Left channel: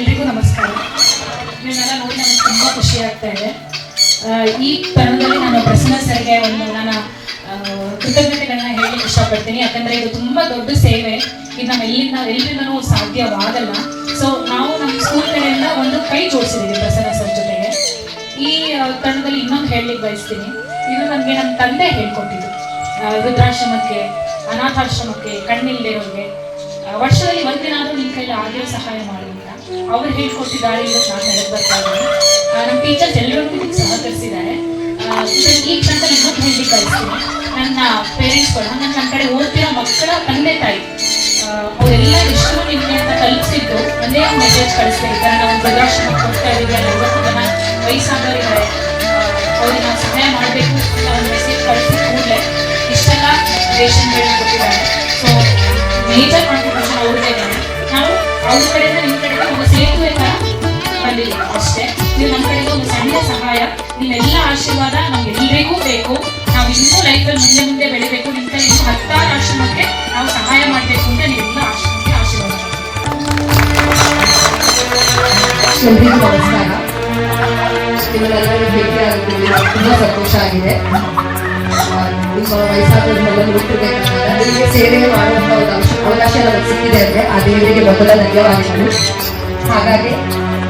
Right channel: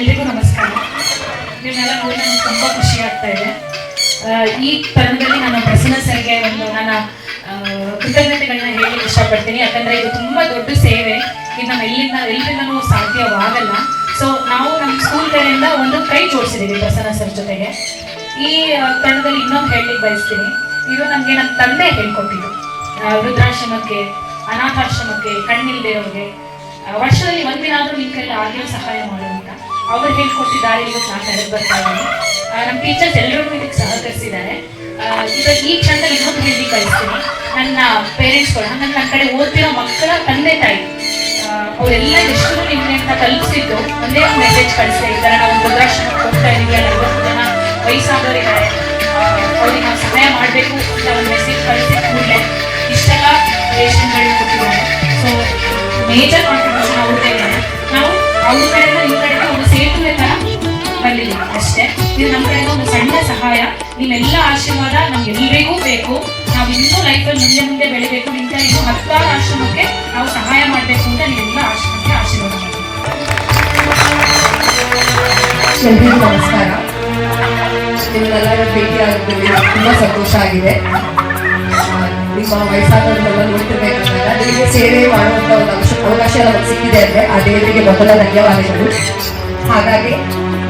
ಎಲ್ರಿಗೂ ನಮಸ್ಕಾರ. ನೀವೆಲ್ಲ ನೋಡಿ ನನಗೆ ತುಂಬ ಖುಷಿ ಆಗ್ತಾ ಇದೆ. ಈ ತರುಣದಲ್ಲಿ ನಾನು ಪ್ರಸನ್ನ ಸರ್ಗೆ ಒಂದು ನನ್ನ ಕೃತಜ್ಞತೆಗಳನ್ನ ಹೇಳಲಿಕ್ಕೆ ಇಷ್ಟಪಡ್ತೀನಿ. ಯಾಕಂದರೆ ಇದು ತುಂಬ ದೊಡ್ಡ ಸೇವೆ. ಇದು ನಮ್ಮ ಎಲ್ಲರಿಂದನೂ ಸಾಧ್ಯವಾಗಲ್ಲ. ಸೊ ನಾವು ನಮ್ಮ ಸ್ಕೂಲ್ ಕಡೆಯಿಂದ ಒಂದು ಕೈ ಜೋಡಿಸಿದ್ದೀವಿ ಪ್ರಸನ್ನ ಸರ್ ಜೊತೆಗೆ. ಈ ತರುಣದಲ್ಲಿ ಇನ್ನೊಂದು ಹೇಳಲಿಕ್ಕೆ ಬಯಸ್ತೀನಿ. ಇದು ನನಗೆ ನನ್ನ ತಂದೆ ಹೇಳ್ಕೊಟ್ಟಿದ್ದು. ವೃದ್ಧಾಶ್ರಮಕ್ಕೆ, ಅನಾಥಾಶ್ರಮಕ್ಕೆ, ಕಣ್ಣಿಲ್ದಿರೋರಿಗೆ ವರ್ಷದಲ್ಲಿ ಒಂದಿನ ಆದರೂ ನಿಮ್ಮ ಕೈಲಿ ಆಗಿರೋ ಸಹಾಯ ಮಾಡು ಅಂತ ಅವ್ರು ಹೇಳ್ಕೊಟ್ಟಿದ್ದಾರೆ. ಇವತ್ತು ನಾನು ನಡೆದು ಬರ್ತಾ ಇದ್ದೀನಿ. ನಮ್ಮ ಟೀಚರ್ಸ್ ಎಲ್ಲರೂ ಇದಕ್ಕೆ ಸಹಕರಿಸಿದ್ದಾರೆ. ಇವಾಗ ಈ ಕ್ಷಣದಲ್ಲಿ ಇನ್ನೊಂದು ಹೇಳಲಿಕ್ಕೆ ಬಯಸ್ತೀನಿ. ನನ್ನ ಪೇರೆಂಟ್ಸ್ಗಳು, ನನ್ನ ಕಡೆ ಓದ್ತಿರೋ ಮಕ್ಕಳ ತಂದೆ ತಾಯಿ, ಅವರೆಲ್ಲ ಎಷ್ಟು ನಿಮಗೆ ಅಂತ ಕಲಿಸಿದ್ದು ಒಂದೇ ಒಂದು ಮೆಸೇಜ್ ಕಳಿಸ್ತಾ ಇದ್ದಾರೆ. ನಾವು ವೃದ್ಧಾಶ್ರಮಕ್ಕೆ ಹೋಗ್ತಾ ಇದ್ದೀವಿ, ಅಲ್ಲಿ 50 ಜನ ವಯಸ್ಸಾದವರಿದ್ದಾರೆ, ಅವ್ರಿಗೆ ನಾವು ಸಹಾಯ ಮಾಡಬೇಕು ಅಂತ ಒಂದು ಮೆಸೇಜ್ ಕಳಿಸಿದ ಕೂಡಲೇ ಇಷ್ಟೆಲ್ಲ ರೇಷನ್ಗಳು ಕೊಟ್ಟಿದ್ದಾರೆ. ಸೊ ಮೇಜರ್ ಕಾಂಟ್ರಿಬ್ಯೂಷನ್ ಅವ್ರದ್ದೇ ಇದ್ದಾರೆ. ನಾವು ಅವ್ರ ಕಡೆಯಿಂದ ನಿಮ್ಮ ಕಡೆಗೆ ಒಂದು ಸೇತುವೆ ಥರ ಬಂದಿದ್ದೀವಿ ಅಷ್ಟೇ. ಇದು ನಮ್ಮ ಕಡೆಯಿಂದ ಒಂದು ಸಣ್ಣ ಸಹಾಯ. ನಿಮ್ಮೆಲ್ಲ ಆಶೀರ್ವಾದ ನಮ್ಗೆಲ್ಲರಿಗೂ ಬೇಕು. ನಾವು ಇನ್ನೂ ಲೈಫಲ್ಲಿ ಮುಂದೆ ಬೆಳಿಬೇಕು. ನಿಮ್ಗೆ ಇನ್ನೂ 10 ಆಶ್ರಮಕ್ಕೆ ನಾವು ಸಹಾಯ ಮಾಡಬೇಕು ಅಂತ ನೀವೆಲ್ಲ ಆಶ್ರಮಕ್ಕೆ ಆಶೀರ್ವಾದ ಮಾಡಬೇಕು. ಎಲ್ರಿಗೂ ನಮಸ್ಕಾರ. ನಿಮ್ಮೆಲ್ಲರೂ ಭೇಟಿಯಾಗುತ್ತೀವಿ, ತುಂಬ ಸಂತೋಷ ಆಗಿದೆ. ನಿಮ್ಮ ವಯಸ್ಸಾದವರೆಲ್ಲ ನೋಡ್ತಿರ್ಬೇಕಂದ್ರೆ ನನಗೆ ಸೇವೆ ಮಾಡುವಂಥ ಒಂದು ಅವಕಾಶ ನನಗೆ ಸಿಕ್ಕಿದೆ ಅಂದರೆ ಆ ದೇವರಿಗೆ ಮೊದಲ ಧನ್ಯವಾದಗಳು. ಹಾಗಾಗಿ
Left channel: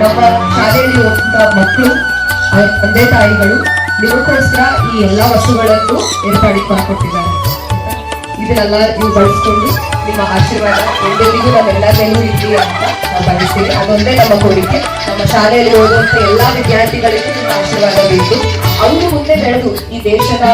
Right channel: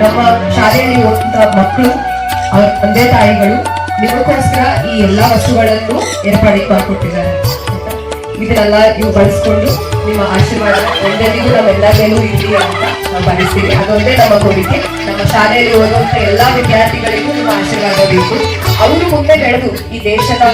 ನಮ್ಮ ಶಾಲೆಯಲ್ಲಿ ಹೋಗುವಂಥ ಮಕ್ಕಳು, ಅವರ ತಂದೆ ತಾಯಿಗಳು ನಿಮಗೋಸ್ಕರ ಈ ಎಲ್ಲ ವಸ್ತುಗಳನ್ನು ಏರ್ಪಾಡಿಗೆ ಮಾಡಿಕೊಟ್ಟಿದ್ದಾರೆ. ಇದನ್ನೆಲ್ಲ ನೀವು ಬಳಸ್ಕೊಂಡು ನಿಮ್ಮ ಆಶೀರ್ವಾದ ಎಲ್ಲರಿಗೂ ನಮ್ಮೆಲ್ಲ ಮೇಲೂ ಇರಲಿ ಅಂತ ನಾವು ಬಯಸ್ತೀವಿ. ಅದೊಂದೇ ನಮ್ಮ ಕೋರಿಕೆ. ನಮ್ಮ ಶಾಲೆಯಲ್ಲಿ ಓದುವಂಥ ಎಲ್ಲ ವಿದ್ಯಾರ್ಥಿಗಳಿಗೂ ನಿಮ್ಮ ಆಶೀರ್ವಾದ ಬೇಕು. ಅವರು ಮುಂದೆ ಬೆಳೆದು ಈ ದೇಶದ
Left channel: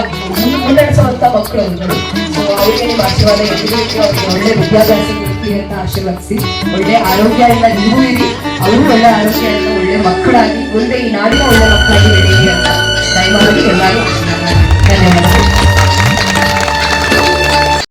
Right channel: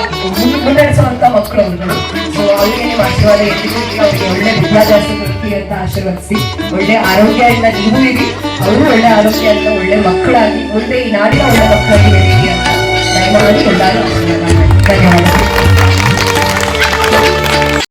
ಮುನ್ನಡೆಸುವಂತ ಮಕ್ಕಳು ಅವರುಗಳು. ಸೊ ಅವರಿಗೆ ನಿಮ್ಮ ಆಶೀರ್ವಾದ ಎಲ್ಲಿಗೂ ಇರಲಿ. ಅವರಿಗೆ ಒಳ್ಳೆ ವಿದ್ಯಾಭ್ಯಾಸ ಕೊಡ್ತೀವಿ ಅಂತ ಆಶೀರ್ವದಿಸಿ, ಒಳ್ಳೆ ಆರೋಗ್ಯದಿಂದ ನೀವು ಇರಿ, ಅವರು ಒಳ್ಳೆ ಆರೋಗ್ಯದಿಂದ ಒಳ್ಳೆ ಮಕ್ಕಳಾಗಿ ಮುಂದೆ ಈ ನಾಡಿನ ಒಳ್ಳೆ ಮಕ್ಕಳಾಗಿ ಬೆಳೀಲಿ ಅಂತ ದಯಮಾಡಿ ಎಲ್ಲರೂ ಆಶೀರ್ವಾದ ಮಾಡಿ. ಧನ್ಯವಾದಗಳು.